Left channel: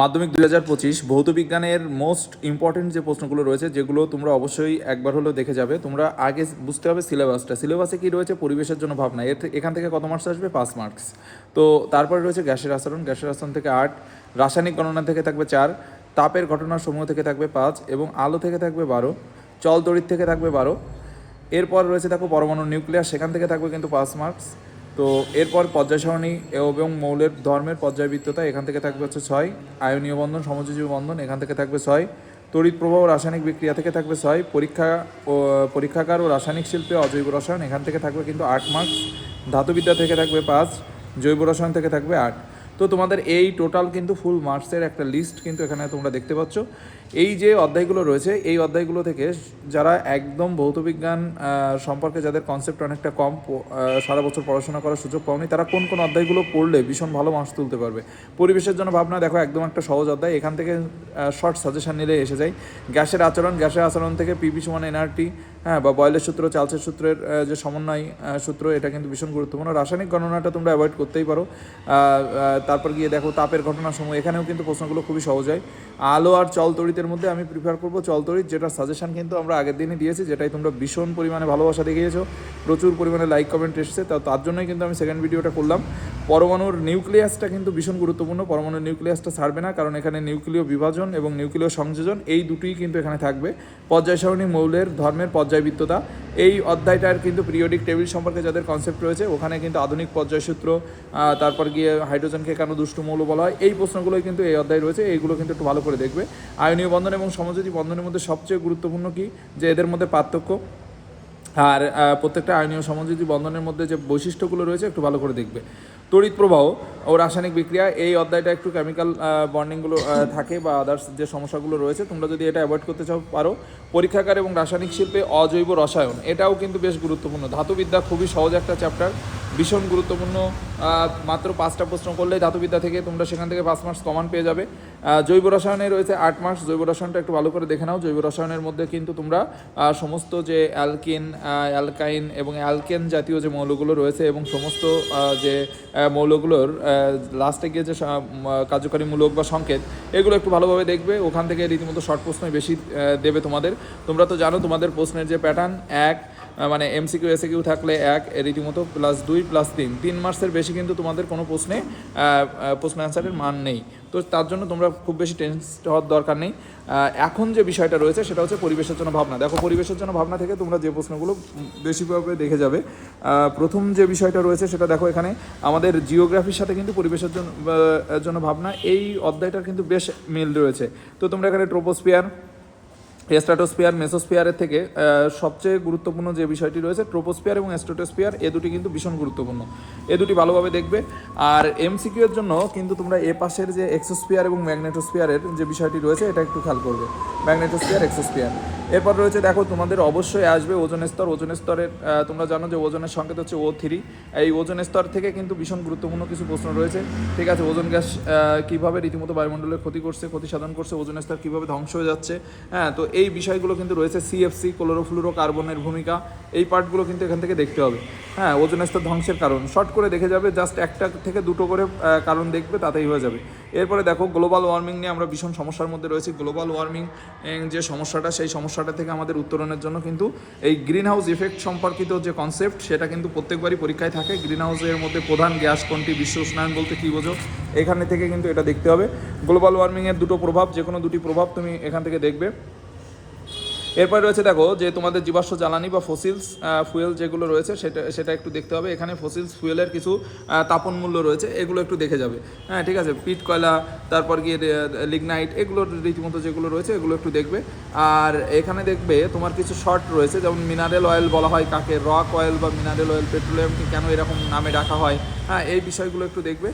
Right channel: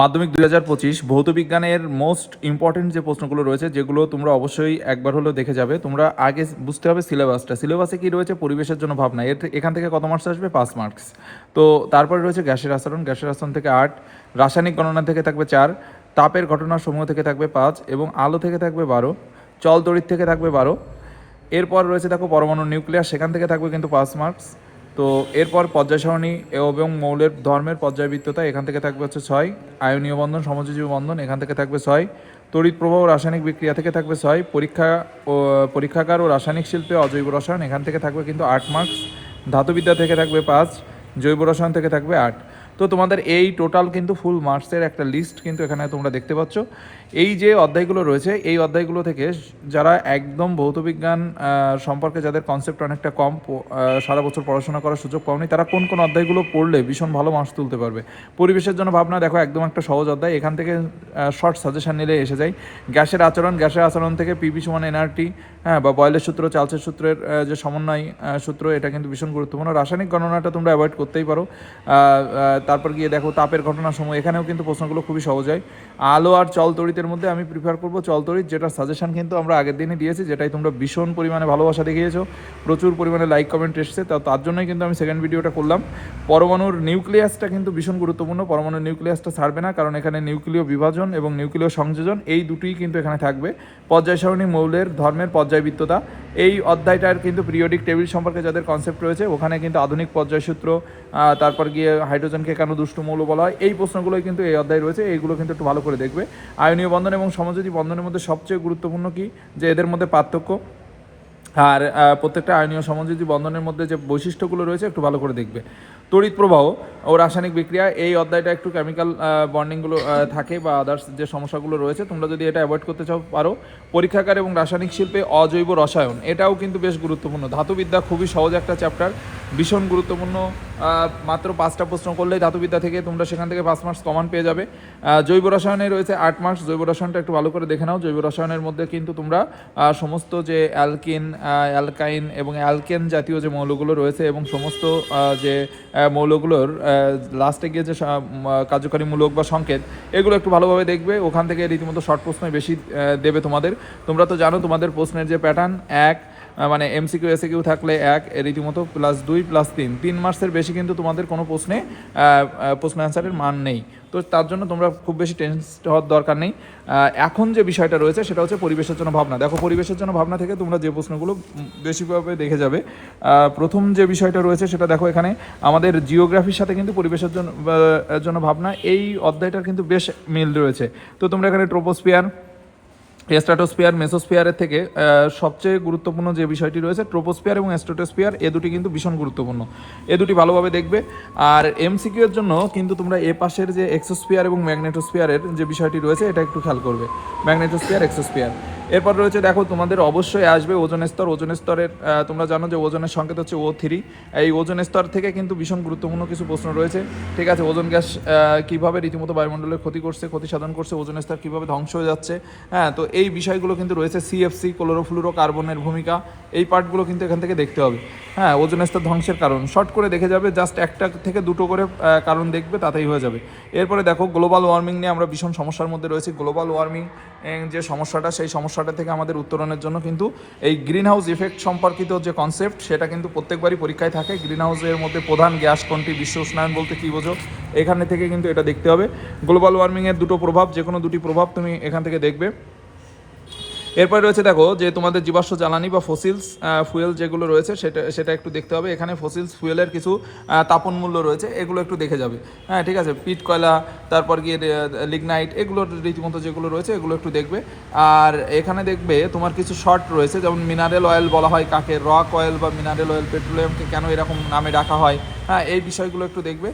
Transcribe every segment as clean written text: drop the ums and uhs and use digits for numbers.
মাধ্যমিক 2025 ভৌত বিজ্ঞানের মোস্ট ইম্পর্টেন্ট যে প্রশ্নগুলো রয়েছে, যেগুলো তোমরা অবশ্যই একবার হলেও দেখে যাবে। তোমরা আগে বুঝতে হবে সিলেবাসে কি রয়েছে, পরিবেশের জন্য ভাবনা, এখান থেকে কত মার্কস আসবে, 5 মার্কস। তো তারপরে রয়েছে গ্যাসের আচরণ থেকে 8, রাসায়নিক গণনা থেকে থাকবে 4, তাপের ঘটনাসমূহ থেকে থাকবে 5 এবং আলো থেকে থাকবে 12, চল তড়িৎ থেকে থাকবে 12। এরপর রয়েছে দেখো পরমাণু নিউক্লিয়াস, সেখান থেকে থাকবে কিন্তু 5 মার্কস। তো এরপর পর্যায় সারণী এবং মৌলের ধর্মের পর্যায়বৃত্ততা, এখান থেকে থাকবে হচ্ছে 6, আয়নীয় বন্ধন সমযোজী বন্ধন, এখান থেকে থাকবে 6, তড়িৎ প্রবাহ রাসায়নিক বিক্রিয়া থেকে থাকবে 6, পরীক্ষাগার ও রাসায়নিক শিল্পে অজৈব রসায়ন, এখান থেকে থাকবে কিন্তু 8 মার্কস, ধাতুবিদ্যা থেকে থাকবে 5, জৈব রসায়ন থেকে থাকবে 8। তো তোমাদের এই টোটাল কিন্তু ফুল মার্কসের একটা লিস্ট কিন্তু এখানে তোমরা দেখতে পাচ্ছ। এই যে অধ্যায়গুলো রয়েছে, এই অধ্যায়গুলো থেকে যারা একদম ভৌতবিজ্ঞান সম্পর্কে যাদের কনসেপ্ট অনেকটা কম, সারা বছর পড়াশোনা করার সুযোগ পাওনি, তারা কোন কোন অধ্যায়গুলো পড়লে ভীষণ ভালো মার্কস তুলতে পারবে। পরিবেশের জন্য ভাবনা, দেখো একদম একটা সহজ অধ্যায়, এখান থেকে শর্ট সাজেশন নিলে এসে যায়। গ্যাসের আচরণ থেকে পিভি সমান এনআরটি, হ্যাঁ, বা বয়েলের সূত্র, চার্লসের সূত্রের যে সমন্বয় সূত্র, এটা কিন্তু ভীষণ গুরুত্বপূর্ণ। রাসায়নিক গণনাটা তোমরা অ্যাভয়েড করতেই পারো। তারপর গিয়ে দেখো তাপের ঘটনার সময়, এখানেও কিন্তু প্রশ্নগুলো খুবই সহজ হয়। আলো আর চল তড়িতের মধ্যে আমি প্রিফার করবো চল তড়িৎ, যেটা সাজেশন কিন্তু আমরা আগের দিনে দিয়েছি, যেটাই তোমরা ভীষণ পরিমাণে ভালোবাসা দেখিয়েছো, প্রচুর পরিমাণে লাইক কমেন্ট এসছে, তার জন্যই কিন্তু আমি সেকেন্ড ভিডিওটা করলাম। পরমাণুর নিউক্লিয়াসটা কিন্তু ভীষণ গুরুত্বপূর্ণ, পরমাণুর নিউক্লিয়াসটা ছাড়বে না, কারণ এখানে নিউক্লিয় বিভাজন এবং নিউক্লিয় সংযোজন এই দুটোই কিন্তু এখানে থাকবে। পর্যায় সারণী মৌলের ধর্মের পর্যায়বৃত্ততা, এই অধ্যায়টার কিন্তু পিরিয়ডিক টেবিল সম্পর্কে যাদের কনসেপ্ট রয়েছে, ওখানে কিন্তু আধুনিক পর্যায়সূত্র, তারপর গিয়ে হাইড্রোজেনকে কেন দুষ্ট মৌল বলা হয়, এই প্রশ্নগুলোই কিন্তু এই অধ্যায় রয়েছে, এইগুলো কিন্তু একটু ভালো করে দেখবে। আয়নীয় বন্ধন এবং সমযোজী বন্ধনের মধ্যে সবচেয়ে গুরুত্বপূর্ণ কি, যে এদের মধ্যে পার্থক্য, আর প্রত্যেকটা আয়নীয় সমযোজী বন্ধনের মধ্যে যে বৈশিষ্ট্যগুলো রয়েছে একটু ভালো করে দেখবে। তড়িৎ প্রবাহ ও রাসায়নিক বিক্রিয়া, এই অধ্যায়টা একটু কেমিক্যাল বন্ডিংগুলো থাকে বা আদার্স যে সমস্যাগুলো রয়েছে, তোমরা যদি এটা অ্যাভয়েড করতে চাও পারো। পরীক্ষাগার এবং রাসায়নিক শিল্পে অজৈব রসায়ন, এটাও কিন্তু বেশ গুরুত্বপূর্ণ। ধাতুবিদ্যা খুবই সহজ একটা চ্যাপ্টার, ভীষণ গুরুত্বপূর্ণ। মাত্র 5টা প্রশ্ন করলেই ধাতুবিদ্যা থেকে তোমরা সেখান থেকে 5 মার্কস কমন পেয়ে যাবে। জৈব রসায়নে রয়েছে 8 মার্কস, জৈব রসায়নটা একটু ভালো করে দেখে নাও। জৈব রসায়নের মধ্যে কিন্তু তোমরা সমস্ত যে অ্যালকিন, অ্যালকাইন এবং অ্যালকেন জাতীয় যে মৌলগুলো রয়েছে এবং সমস্ত যে মৌলগুলোর লাস্টে গিয়ে যে কার্যকরী মূলক বা সংকেত, এগুলো একটু ভালোভাবে দেখবে। ওখান থেকে রীতিমতো শর্ট প্রশ্নই বেশি দেবে তোমাদের। তোমরা তো জানো তোমাদের প্রশ্নের যে প্যাটার্ন, মানে এমসিকিউ এসিকিউ থাকলে 1 রীতিমতো +2 +3 মার্কসের বেশি কিন্তু তোমাদের কোনো প্রশ্ন অ্যান্সারের মান নেই। তো তার জন্য তোমরা খুব বেশি টেনস হওয়ার দরকার নেই। এখন যে বিষয়টা রয়েছে সেটা হচ্ছে পরিবেশের জন্য ভাবনা। দেখো পরিবেশের জন্য ভাবনা থেকে তোমরা যে প্রশ্নগুলো বেশিভাবে দেখে যাবে, প্রথম যে বিষয়টা রয়েছে সেটা দেখো, এখানে আমাদের জিওগ্রাফির সাথে কিন্তু পরিবেশের জন্য ভাবনা, এই অধ্যায়টার কিন্তু বেশ মিল রয়েছে। তো তোমরা এখানে ট্রোপোস্ফিয়ার, স্ট্র্যাটোস্ফিয়ার, মেসোস্ফিয়ারের থেকে সবচেয়ে গুরুত্বপূর্ণ যে বিষয়টি রয়েছে ট্রোপোস্ফিয়ার এবং স্ট্র্যাটোস্ফিয়ার, এ দুটি কিন্তু ভীষণ গুরুত্বপূর্ণ, এ দুটি ভালোভাবে দেখবে। আর এমসিকিউ এর জন্য কিন্তু তোমরা এ পাশের যে এক্সোস্ফিয়ার এবং ম্যাগনেটোস্ফিয়ারের যে বিষয়টি রয়েছে, এটা একটু খেয়াল করবে, ম্যাগনেটোস্ফিয়ার, এক্সোস্ফিয়ার। এরপর রয়েছে দেখো তোমাদের অবশ্যই আসবে ওজোন স্তর। ওজোন স্তরের তোমরা জানো যে ওজনের সংকেত হচ্ছে O3, এই ওজোন স্তর থেকে কিন্তু ভীষণ গুরুত্বপূর্ণ কিছু প্রশ্ন রয়েছে। ঠিক আছে, ওজোন গ্যাস কীভাবে রীতিমতো বায়ুমণ্ডলের ক্ষতি সাধন করছে, ওজোন স্তর কীভাবে ধ্বংস হয়ে যাচ্ছে, হ্যাঁ, তো এই বিষয়গুলো কিন্তু রয়েছে। CFC, ক্লোরোফ্লুরো কার্বনের ভূমিকা, এই পার্টগুলো কিন্তু এখান থেকে দেখতে হবে। হ্যাঁ, ওজোন স্তর ধ্বংসের কারণ শর্ট করে দেখে যাবে, জাস্ট একটা থেকে দুটো করে কারণ দেখবে, তাতেই হয়ে যাবে। এরপরে দেখো গ্লোবাল ওয়ার্মিং নিয়ে আমরা ভীষণ সমস্যার মধ্যে রয়েছি। গ্লোবাল ওয়ার্মিং যে সমস্যাটা, সেই সমস্যাটা থেকে আমাদের উত্তরণের জন্য কিন্তু এই গ্রিন হাউস ইফেক্ট সম্পর্কিত যে কনসেপ্ট, সেটা কিন্তু প্রত্যেকবারই পরীক্ষায় থাকে। গ্রিন হাউসের মধ্যে প্রধান গ্যাস কোনটি, বিশ্ব উষ্ণায়ন বলতে কী বোঝো, এখানে থেকে কিন্তু এটা দেখতে হবে। গ্লোবাল ওয়ার্মিংয়ের দুটো প্রভাব, যে কোনো দুটি প্রভাব তুমি এখান থেকে দেখবে। এরপরে রয়েছে দেখো যে তোমাদের জীবাশ্ম জ্বালানি বা ফসিলস ফুয়েল যেগুলো রয়েছে, সেটা একটু দেখতে হবে। এখানে ফসিলস ফুয়েলের কিছু তাপন মূল্য রয়েছে, এগুলো একটু দেখে যাবে। হ্যাঁ, ঠিক আছে, পিট কয়লা, তারপর গিয়ে লিগনাইট, এগুলোর রীতিমতো যেগুলো রয়েছে এগুলো একটু দেখবে। আর এখানে দেখবে তোমার কিছু শর্ট রয়েছে, যেমন মিনারেল অয়েল বলা হয় কাকে, রক অয়েল বা মিনারেল অয়েল, পেট্রোলিয়ামকে কেন এরকম নামে রাখা হয়, হ্যাঁ, এই বিষয়গুলো একটু দেখবে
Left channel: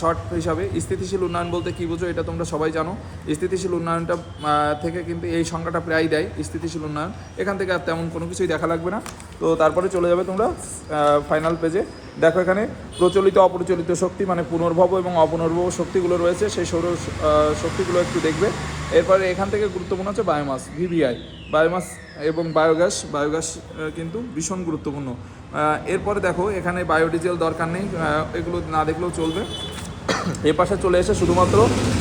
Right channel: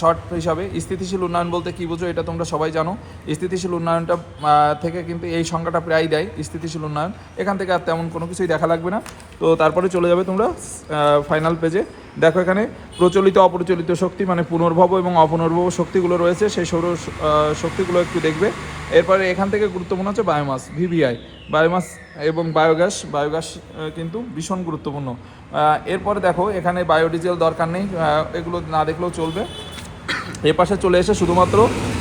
শর্ট হিসাবে। স্থিতিশীল উন্নয়ন বলতে কী বোঝো, এটা তোমরা সবাই জানো। স্থিতিশীল উন্নয়নটা থেকে কিন্তু এই সংখ্যাটা প্রায় দেয়, স্থিতিশীল উন্নয়ন, এখান থেকে আর তেমন কোনো কিছুই দেখা লাগবে না। তো তারপরে চলে যাবে তোমরা ফাইনাল পেজে। দেখো এখানে প্রচলিত অপ্রচলিত শক্তি, মানে পুনর্ভব এবং অপুনর্ভব শক্তিগুলো রয়েছে, সেই সৌর শক্তিগুলো একটু দেখবে। এরপরে এখান থেকে গুরুত্বপূর্ণ হচ্ছে বায়োমাস, VVI, বায়োমাস এবং বায়োগ্যাস কিন্তু ভীষণ গুরুত্বপূর্ণ। এরপরে দেখো এখানে বায়োডিজেল দরকার নেই, এগুলো না দেখলেও চলবে। এই পাশে চলে এসে শুধুমাত্র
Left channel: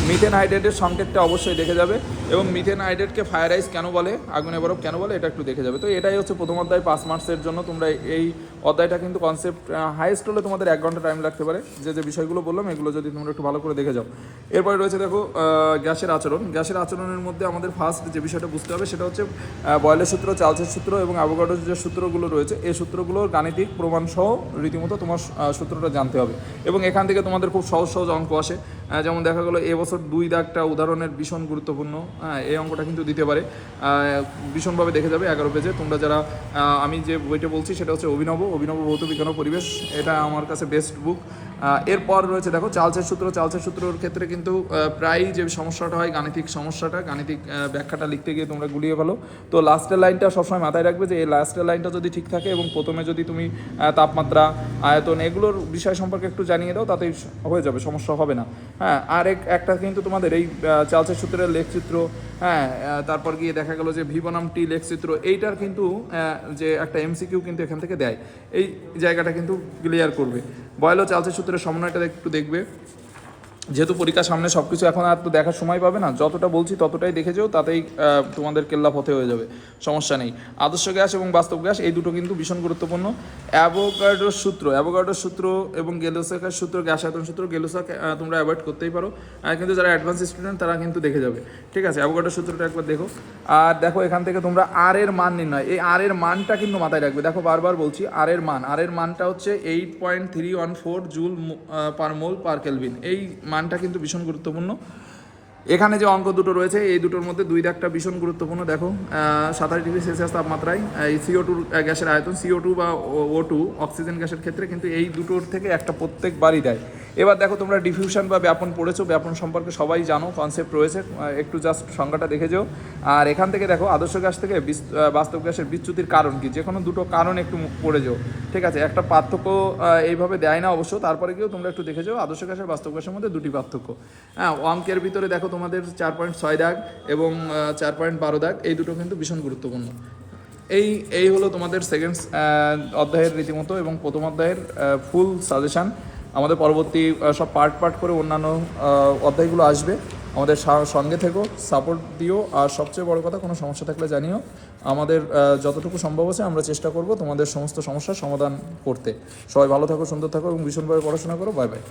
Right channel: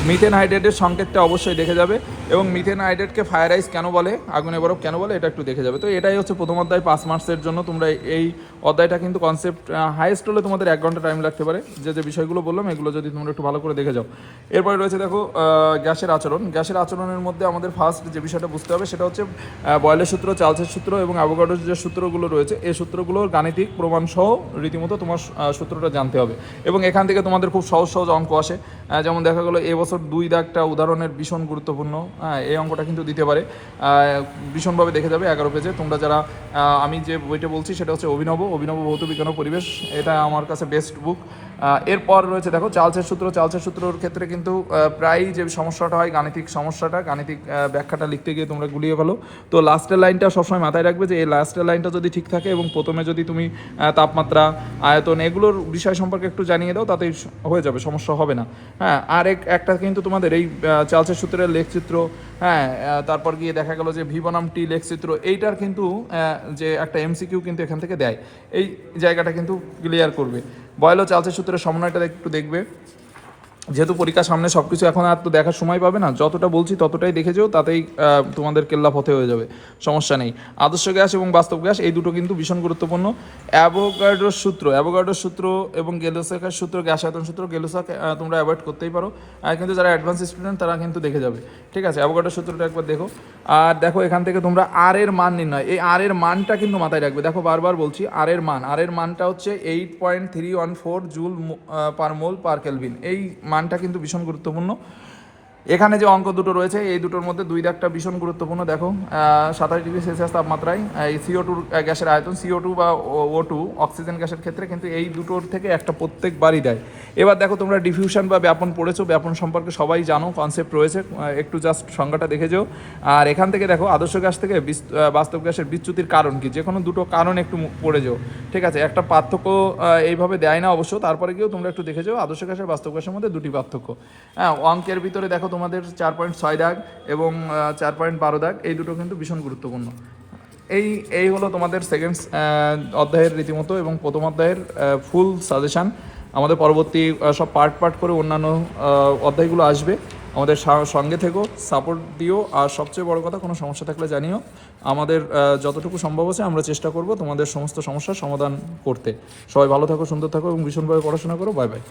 মিথেন হাইড্রেটের সংকেতটা অবশ্যই দেখে যাবে, এবং মিথেন হাইড্রেটকে ফায়ার আইস কেন বলে, আগুনে বরফ কেন বলে, এটা একটু দেখে যাবে। তো এটাই হচ্ছে প্রথম অধ্যায় 5 মার্কসের জন্য। তোমরা এই অধ্যায়টা কিন্তু কনসেপ্ট হাইয়েস্ট হলে তোমাদের 1 ঘন্টা টাইম লাগতে পারে। যে বিষয়গুলো বললাম এগুলো যদি তোমরা একটু ভালো করে দেখে যাও। এরপরে রয়েছে দেখো গ্যাসের আচরণ। গ্যাসের আচরণের মধ্যে আমাদের ফার্স্ট যে বিষয়টা বুঝতে হবে সেটা হচ্ছে বয়েলের সূত্র, চার্লসের সূত্র এবং অ্যাভোগাড্রোর যে সূত্রগুলো রয়েছে, এই সূত্রগুলোর গাণিতিক প্রমাণ সহ রীতিমতো তোমার সূত্রটা জানতে হবে। এবং এখান থেকে তোমাদের খুব সহজ সহজ অঙ্ক আসে। যেমন দেখা গেলো এবছর 2 দাগটা উদাহরণের ভীষণ গুরুত্বপূর্ণ। এই অঙ্কটা কিন্তু দিতে পারে, ভীষণভাবে দেখে যাবে 11 পেজে। তোমরা যারা আমি যে বইটা বলছি সেটা হচ্ছে অভিনব ভৌত বিজ্ঞান ও পরিবেশ, এটা আমার কাছে বেস্ট বুক। এরপর রয়েছে দেখো চার্লসের সূত্র। চার্লসের সূত্রর ক্ষেত্রে কিন্তু প্রায় যে সমস্যাটা হয় গাণিতিক সমস্যাটা, গাণিতিক ব্যাখ্যাটা লিখতে গিয়ে তোমরা গুলিয়ে ফেলো। তো লাস্টের লাইনটা সবসময় মাথায় রাখবে যে এই লাস্টের লাইনটা যদি ঠিক থাকে এবং প্রথমে যদি তুমি তাপমাত্রা, আয়তন এগুলোর বিষয় সম্পর্কে একটু জানিয়ে দাও, তাতেই হয়ে যাবে, সমস্যা হবে না। হ্যাঁ, আর একটা কিন্তু তোমাদের এই চার্লসের সূত্রের লেখচিত্র, হ্যাঁ, তারপর গিয়ে দেখা গেল যে ভি বনাম টি লেখচিত্র, এইটার কিন্তু যে একটা এমসিকিউ কিন্তু এখান থেকে দেয়, এই জায়গাটা কিন্তু ক্লিয়ার করবে। বয়েল ও চার্লসের সূত্রের সমন্বয়টা একটু দেখবে, যেহেতু পরীক্ষার সামনে সব কিছু এখন আর তো দেখার সময় পাবে না, যতটা বলছি ততটাই দেখে যাও, তাতেই তোমাদের কেল্লা পথে হয়ে যাবে, সমস্যা নেই। আদর্শ গ্যাস এবং বাস্তব গ্যাস এই দুটো কিন্তু ভীষণ গুরুত্বপূর্ণ। অ্যাভোগাড্রোর সূত্র এবং গেলোসাকের সূত্র, গ্যাস আয়তন সূত্র, গেলোসাক তোমরা অ্যাভয়েড করতেই পারো, কিন্তু যারা অ্যাডভান্স স্টুডেন্ট তারা কিন্তু দেখে যাবে। ঠিক আছে, অ্যাভোগাড্রোর সূত্রটা একবার দেখো। আর দেখো এখান থেকে তোমরা আর এর মান নির্ণয়, এই আর এর মানটা কিন্তু মাথায় রাখবে। দেখো বারবার বলছি আর এর মানটা হচ্ছে 8.314 জুল পার মোল পার কেলভিন। এই মানটা কিন্তু ভীষণ গুরুত্বপূর্ণ। এখানে যে অঙ্ক দুটো রয়েছে এই দুটোর মধ্যে 2 দাগটা ভীষণ গুরুত্বপূর্ণ। দেখো 27 ডিগ্রি সেলসিয়াস তাপমাত্রায় এই CO2 গ্যাসের আয়তন, CO2 বা O2 অক্সিজেন গ্যাসের ক্ষেত্রে কিন্তু এই দুটোর থেকে একটা প্রত্যেকবারই দেয়। এবার দেখো তোমরা ডিফিউশন বা ব্যাপন পড়েছো, ব্যাপন সম্পর্কে সবাই জানো, কনসেপ্ট রয়েছে, একটু জাস্ট সংজ্ঞাটা দেখে যাও। আর এখান থেকে দেখো আদর্শ গ্যাস থেকে বাস্তব গ্যাসের বিচ্যুতির কারণ কি, যে কোনো দুটো কারণ একটু পড়ে যাও। ঠিক আছে, একটা পার্থক্য এইভাবে দেয় না অবশ্য, তারপরে গিয়েও তোমরা একটু দেখে যাও আদর্শ গ্যাসের বাস্তব গ্যাসের মধ্যে 2টি পার্থক্য। হ্যাঁ, অঙ্কের ভিতরে দেখো তোমাদের 4.6 দাগ এবং 4.12 দাগ, এই দুটো কিন্তু ভীষণ গুরুত্বপূর্ণ। এই হলো তোমাদের সেকেন্ড অধ্যায়ের রীতিমতো এবং প্রথম অধ্যায়ের ফুল সাজেশান। আমাদের পরবর্তী সব পার্ট করে অন্যান্য অধ্যায়গুলো আসবে। আমাদের সঙ্গে থেকো, সাপোর্ট দিও, আর সবচেয়ে বড় কথা কোনো সমস্যা থাকলে জানিও। আমাদের যতটুকু সম্ভব আছে আমরা চেষ্টা করব তোমাদের সমস্ত সমস্যার সমাধান করতে। সবাই ভালো থাকো, সুন্দর থাকো এবং ভীষণভাবে পড়াশোনা করো। Bye bye.